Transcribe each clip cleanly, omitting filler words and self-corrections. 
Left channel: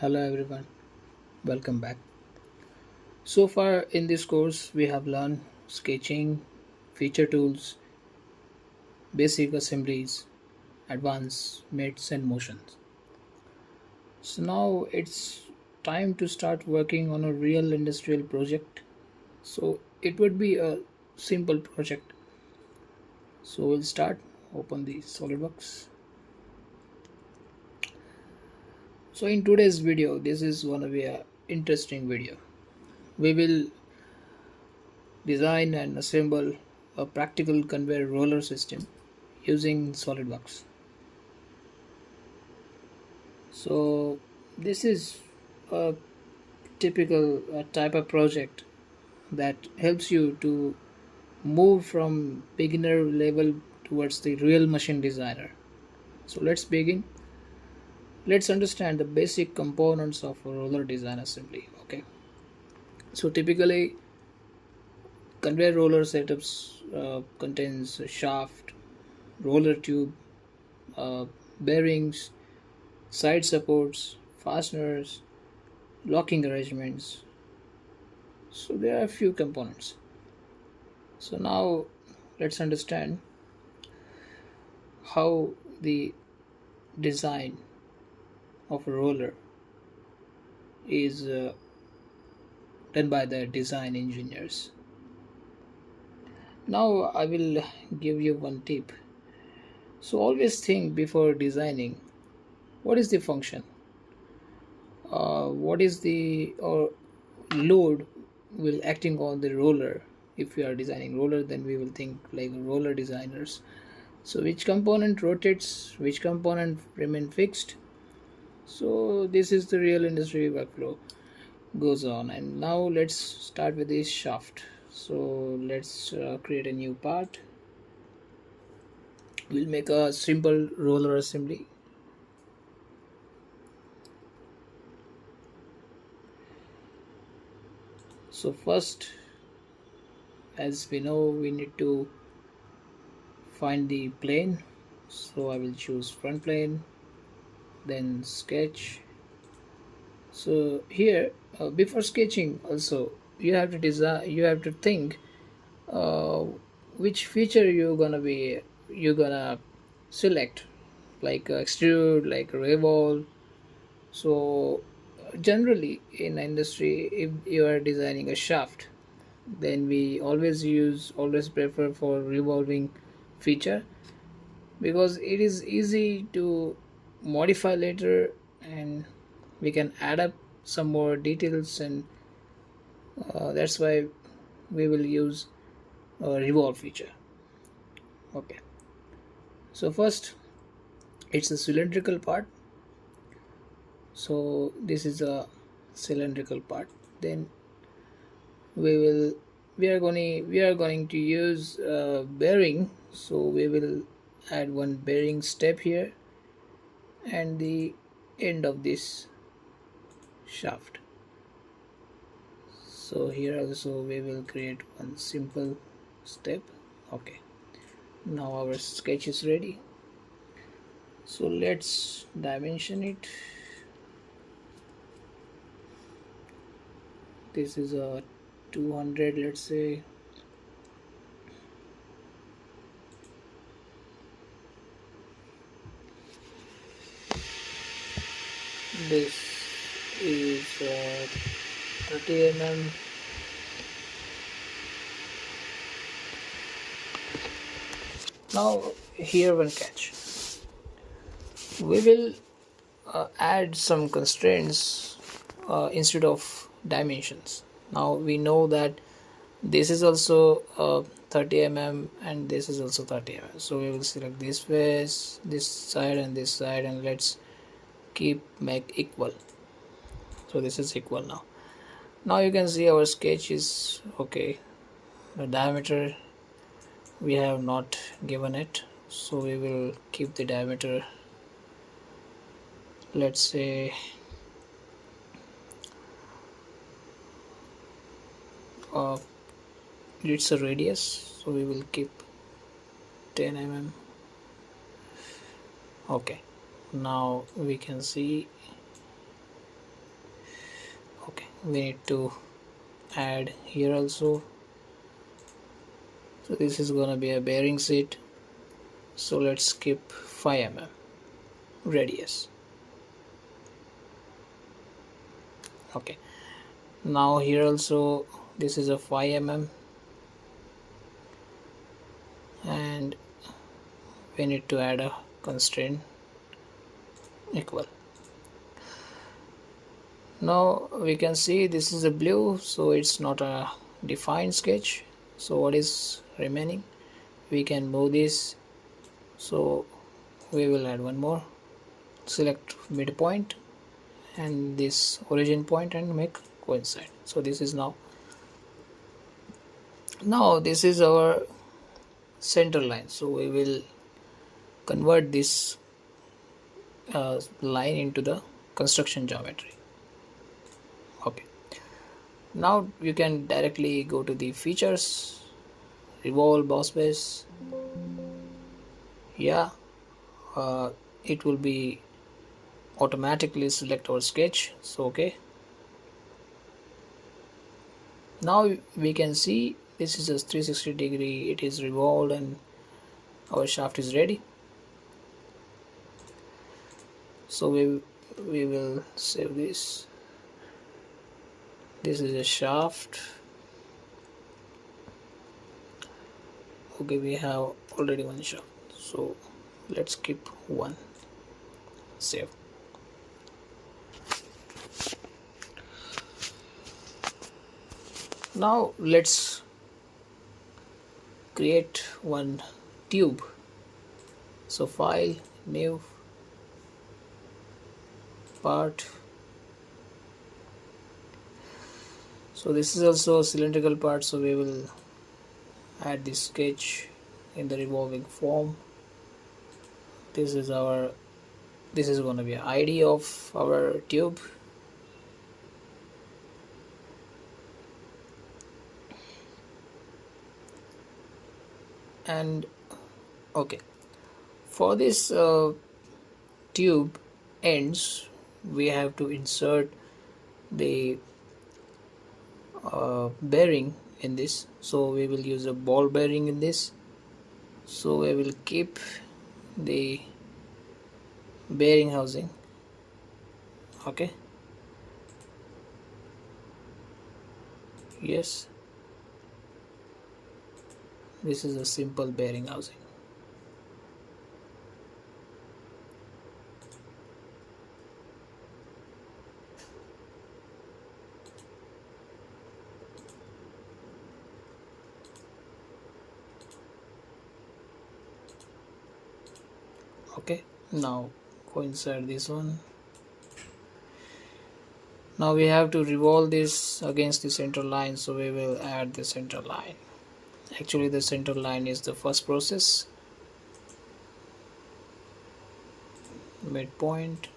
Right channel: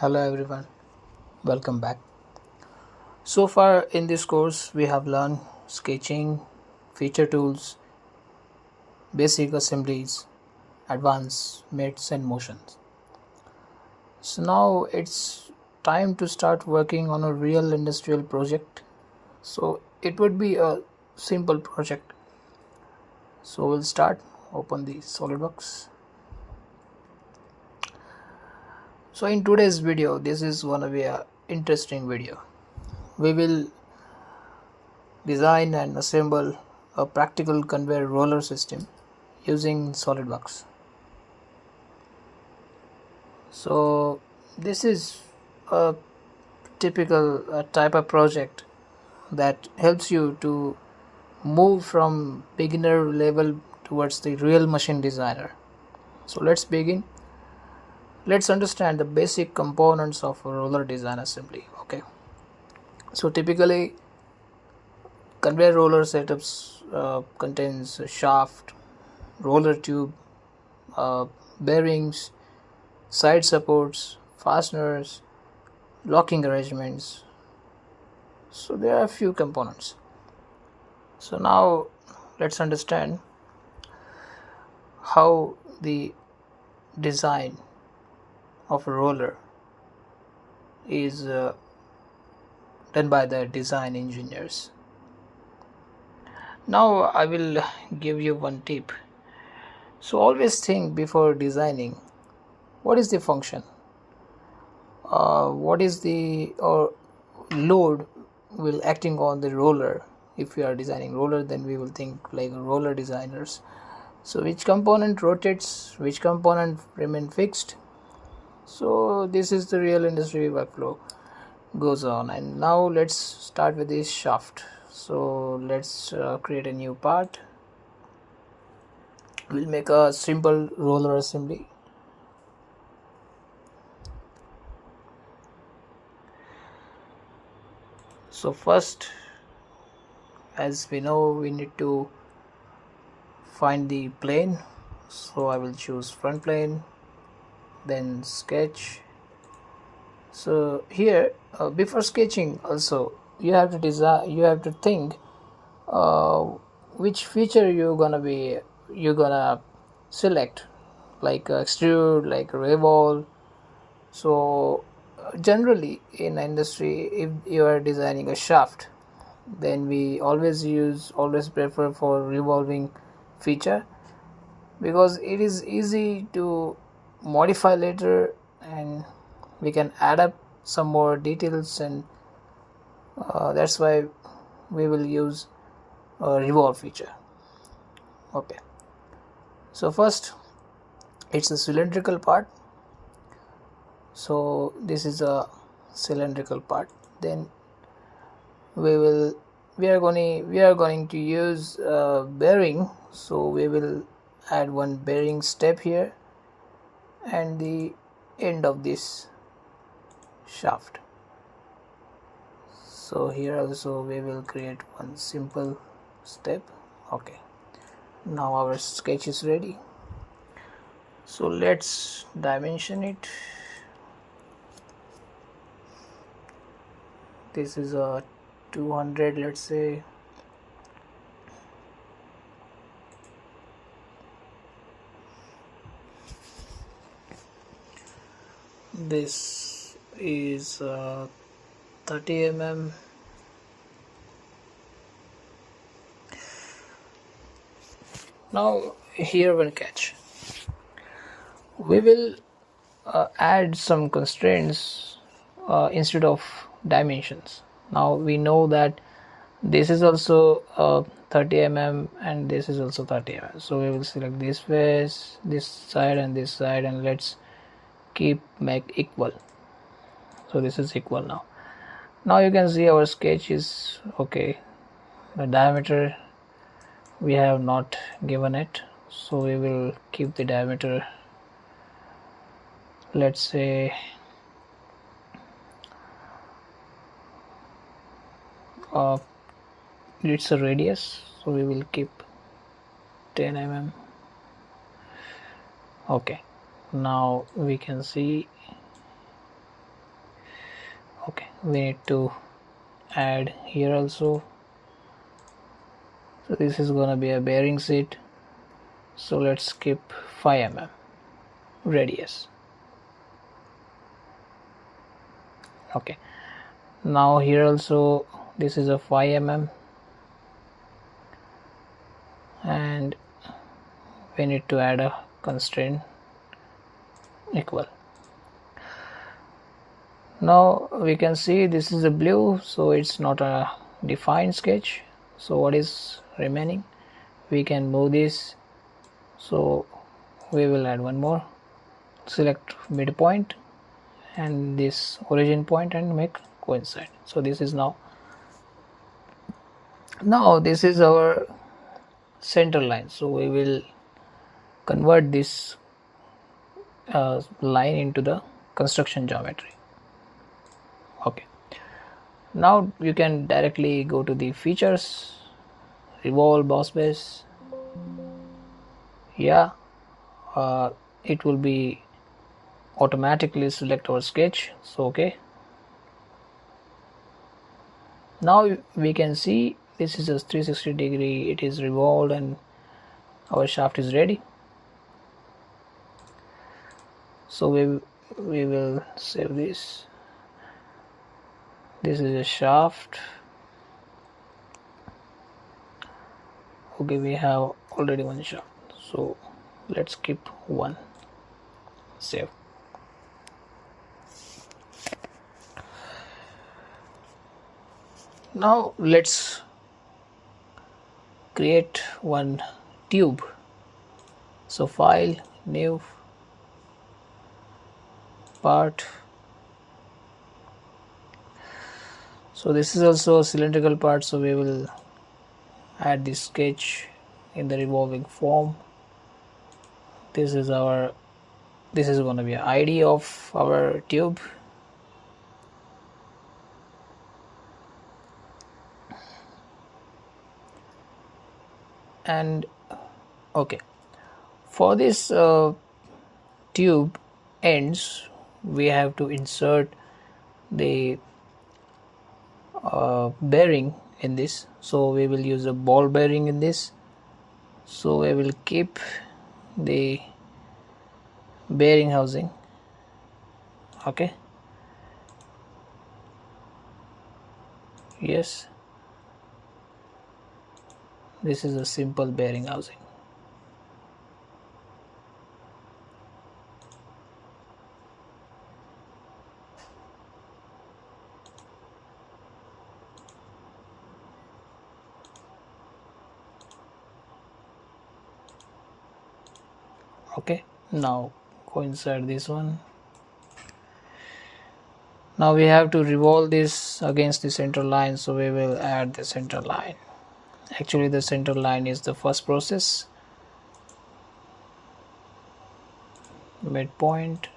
Hello everyone, welcome back. So far in this course, we have learned sketching, feature tools, basic assemblies, advanced mates, and motions. So now it's time to start working on a real industrial project. So it would be a simple project. So we'll start. Open the SolidWorks. So in today's video, this is going to be a interesting video. We will design and assemble a practical conveyor roller system using SolidWorks. So this is a typical type of project that helps you to move from beginner level towards the real machine designer. So let's begin. Let's understand the basic components of a roller design assembly. Okay. So typically conveyor roller setups contains a shaft, roller tube, uh, bearings, side supports, fasteners, locking arrangements. So there are a few components. So now let's understand how the design of a roller is done by the design engineers. Now I will give you one tip. So always think before designing, what is the function? What is the load will acting on the roller? If we are designing roller, then we will think like roller designers. So which component rotates, which component remain fixed? So this is the real industry workflow goes on. And now let's start with this shaft. So let's create a new part. We'll make a simple roller assembly. So first, as we know, we need to find the plane. So I will choose front plane, then sketch. So here before sketching also you have to design, you have to think which feature you're gonna select, like extrude, like revolve. So generally in industry, if you are designing a shaft, then we always prefer for revolving feature, because it is easy to modify later and we can add up some more details, and that's why we will use a revolve feature. Okay, so first it's a cylindrical part. So this is a cylindrical part. Then we are going to use bearing. So we will add one bearing step here and the end of this shaft. So here also we will create one simple step. Okay, now our sketch is ready. So let's dimension it. This is a 200, let's say. This is 30 mm. Now here one catch. We will add some constraints instead of dimensions. Now we know that this is also 30 mm and this is also 30 mm. So we will select this face, this side and this side, and let's make equal. So this is equal now. Now you can see our sketch is okay. The diameter we have not given it, so we will keep the diameter, let's say it's a radius, so we will keep 10 mm. Okay, now we can see we need to add here also. So this is gonna be a bearing seat, so let's skip 5 mm radius. Okay, now here also this is a 5 mm, and we need to add a constraint equal. Now we can see this is a blue, so it's not a defined sketch. So what is remaining, we can move this, so we will add one more, select midpoint and this origin point and make coincide. So this is now this is our center line, so we will convert this line into the construction geometry. Okay, now you can directly go to the features, revolve boss base. Yeah, it will be automatically select our sketch. So okay, now we can see this is a 360-degree, it is revolved and our shaft is ready. So we will save this. This is a shaft. Okay, we have already one shaft, so let's keep one. Save. Now let's create one tube. So file, new, part. So this is also a cylindrical part, so we will add this sketch in the revolving form. This is going to be an ID of our tube. And okay, for this tube ends, we have to insert the bearing in this, so we will use a ball bearing in this. So we will keep the bearing housing. Okay, yes, this is a simple bearing housing. Okay, now go inside this one. Now we have to revolve this against the center line, so we will add the center line. Actually the center line is the first process. Midpoint,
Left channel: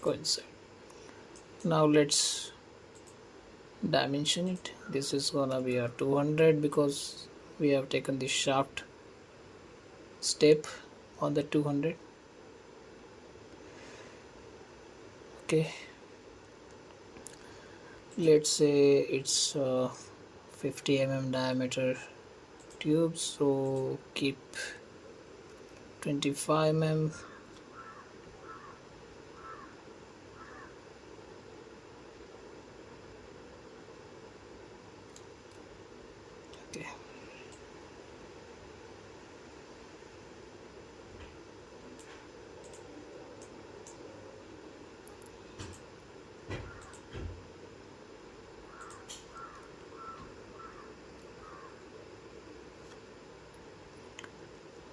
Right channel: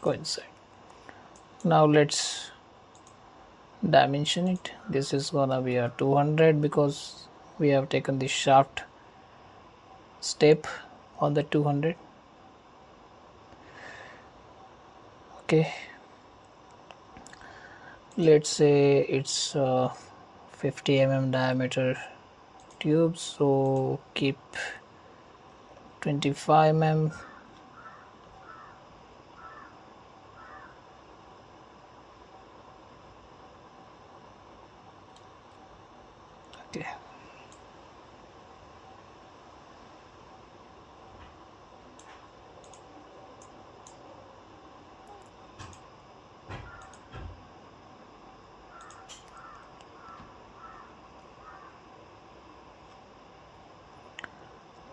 coincide. Now let's dimension it. This is gonna be a 200 because we have taken the shaft step on the 200. Okay, let's say it's 50 mm diameter tube, so keep 25 mm. Okay,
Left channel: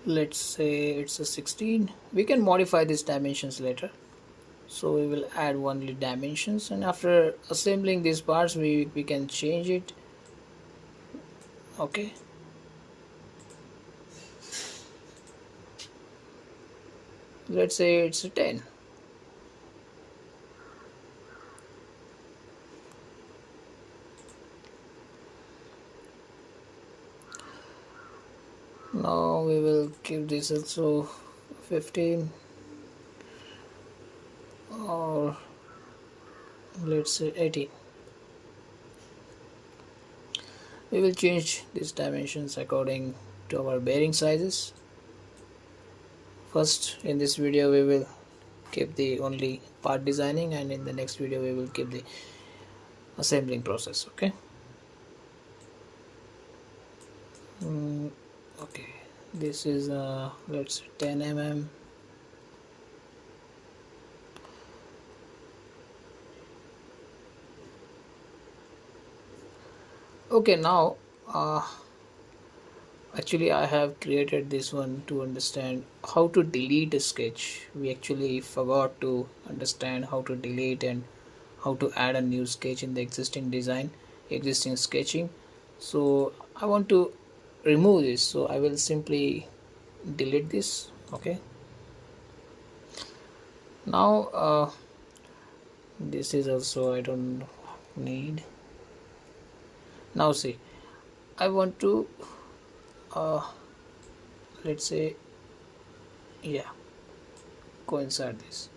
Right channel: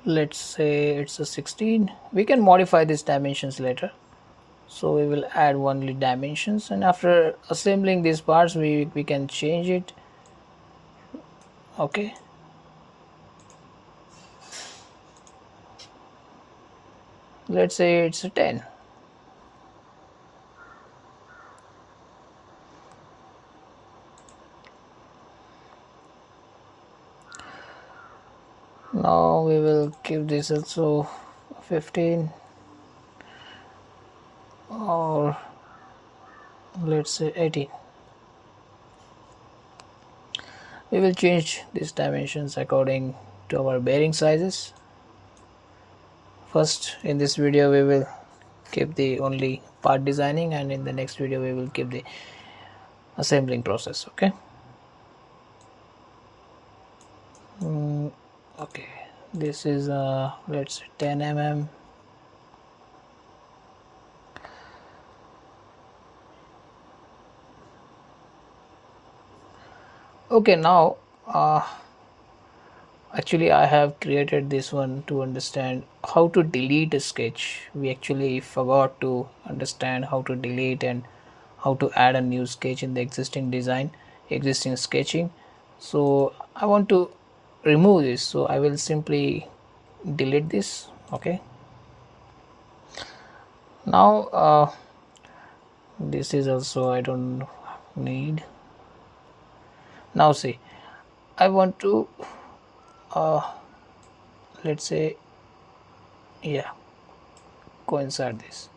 let's say it's a 16. We can modify these dimensions later, so we will add only dimensions, and after assembling these parts we can change it. Okay, let's say it's a 10. Now we will give this also 15, or let's say 18. We will change these dimensions according to our bearing sizes. First, in this video we will keep the only part designing, and in the next video we will keep the assembling process. Okay. Okay, this is let's say 10 mm. Okay, now actually I have created this one to understand how to delete a sketch. We actually forgot to understand how to delete and how to add a new sketch in the existing sketching. So I want to remove this, so I will simply delete this. Okay, now this is also I don't need. Now see, I want to let's say, yeah, coincide this.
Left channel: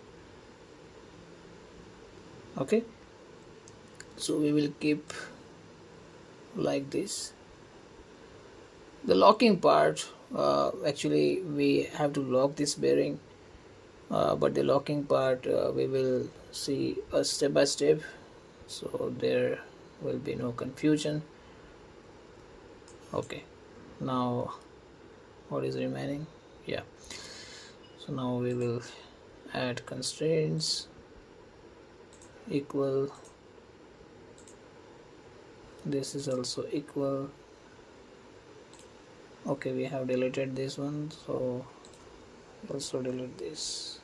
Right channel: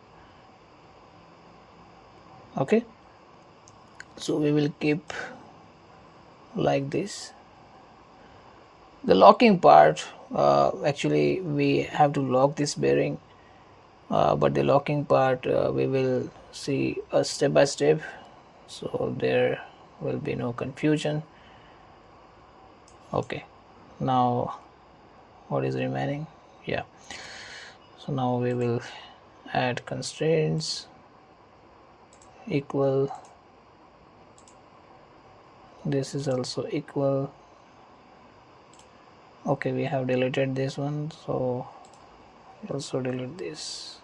Okay, so we will keep like this. The locking part, actually we have to lock this bearing, but the locking part we will see step by step, so there will be no confusion. Okay, now what is remaining? Yeah, so now we will add constraints equal, this is also equal. Okay, we have deleted this one, so also delete this,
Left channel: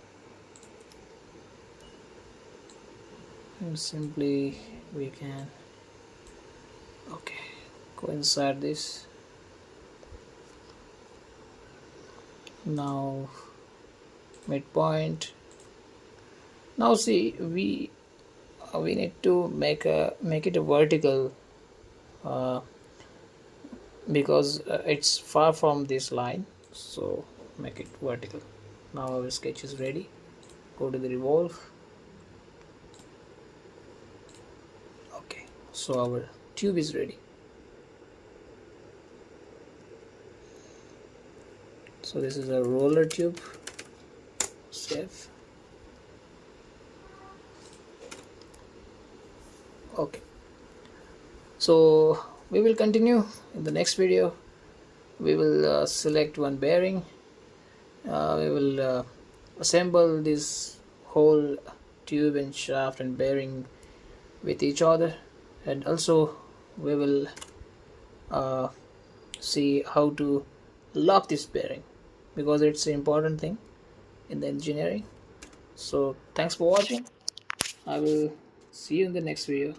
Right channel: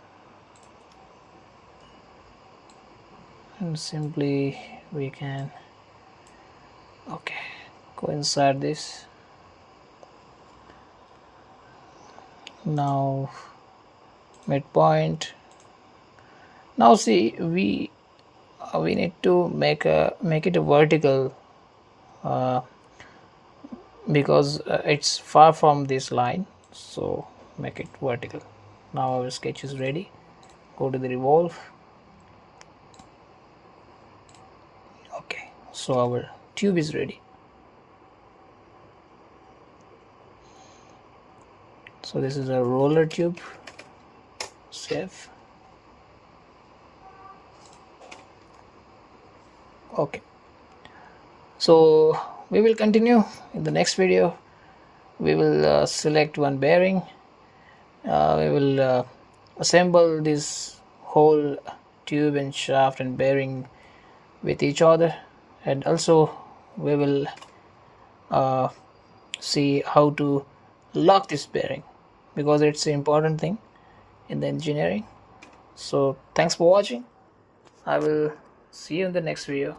and simply we can coincide this. Now midpoint. Now see, we need to make it a vertical, because it's far from this line, so make it vertical. Now our sketch is ready. Go to the revolve. Okay, so our tube is ready. So this is a roller tube. Save. Okay, so we will continue in the next video. We will select one bearing. We will assemble this whole tube and shaft and bearing with each other, and also we will see how to lock this bearing, because it's an important thing in the engineering. So thanks for watching. I will see you in the next video.